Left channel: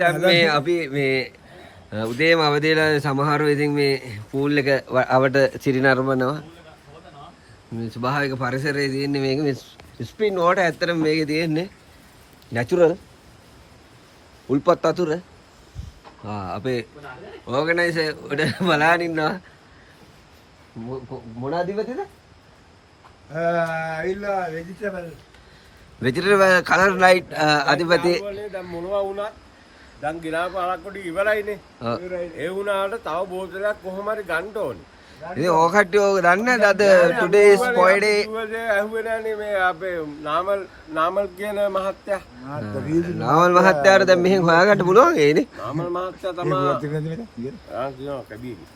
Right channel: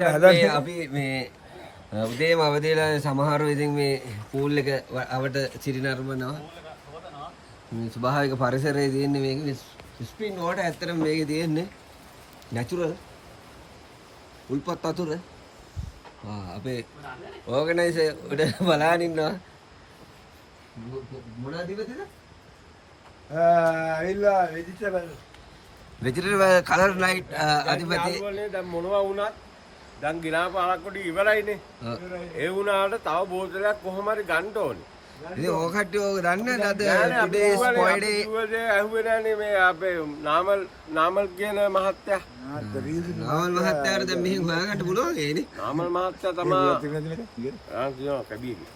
මේ අපි මේ උදේම අවදිලා සමහරව ඉතින් මේ පූල් එක අවට සිරි නරඹනවා. මේ ස්වභාවික පරිසරයේ තියෙන්නේ මේක මේ ස්ප්‍රින් වෝටර් ඇත්තටම මේකේ තියෙන්නේ නැචරල් උල්පත් වතුර. අපේ ඕගනයිසර් උඩ බලන් ඉන්නවා. මොන අධිපතිද? ඇවිල්ලා වෙජිටබල් කලර් ලයිට් අධිපති. දැන් මොනවා වුණත් දැන් ගිනා පාරක් කොට ඉවරයිනේ. ඒ වුණාට තව බෝතලයක් කොහොම හරි ගන්න ඕනේ. ඉතින් ඕක කට්ටිය ඕක දන්නේ නැද්ද? today is Friday. ඇහුවේ නැනේ මේ අපේ නාමල් කියන මහත්තයා. නාමල් මහත්තයාට දැන් මෙහෙන් හොයාගන්න පුළුවන් ඒනේ. නාමල් මහත්තයා තමයි කියනවා කැබියගේ.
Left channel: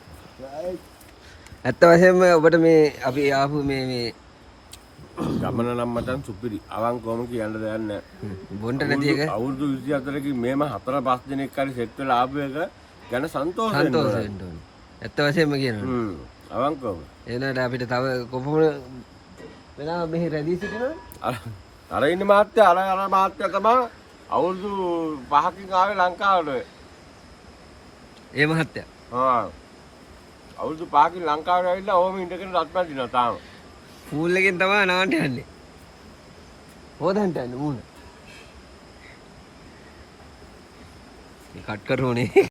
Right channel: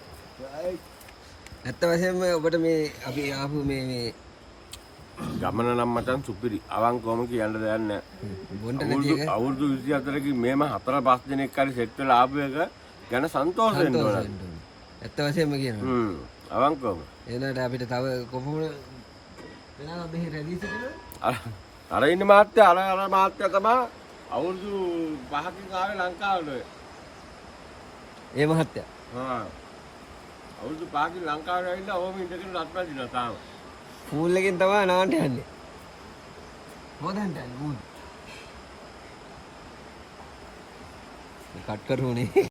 ඇත්ත වශයෙන්ම ඔබට මේ අපි ආපු මේ ගමන නම් මචං සුපිරි. අවංකවම කියන්න දෙයක් නැහැ. බොන්ට නැති එක අවුරුදු 24කින් මේම 4-5 දිනක් හරි සෙට් වෙලා ආපු එක ගැන සන්තෝෂ වෙන්න ඕනේ. ඇත්ත වශයෙන්ම කියනවා. අවංකවම. එනකොට අපිට තව කොපමණ වෙනවා මෙහි රැඳී සිටිනවා? අර ඉන්න මහත්තයා අර මහත්තයා තමයි අවුරුදු 5කින් ආවේ ලංකාවට. ඒ මහත්තයා. අවුරුදු 5කින් ලංකාවට ඇවිල්ලා ඕම ඉඳගෙන රත්පත් දිනවා තාම. පූල් එකෙන් තමයි නාන්න යන්නේ. හොදන්ට යන්නේ මූණ. කට් කරුනේ.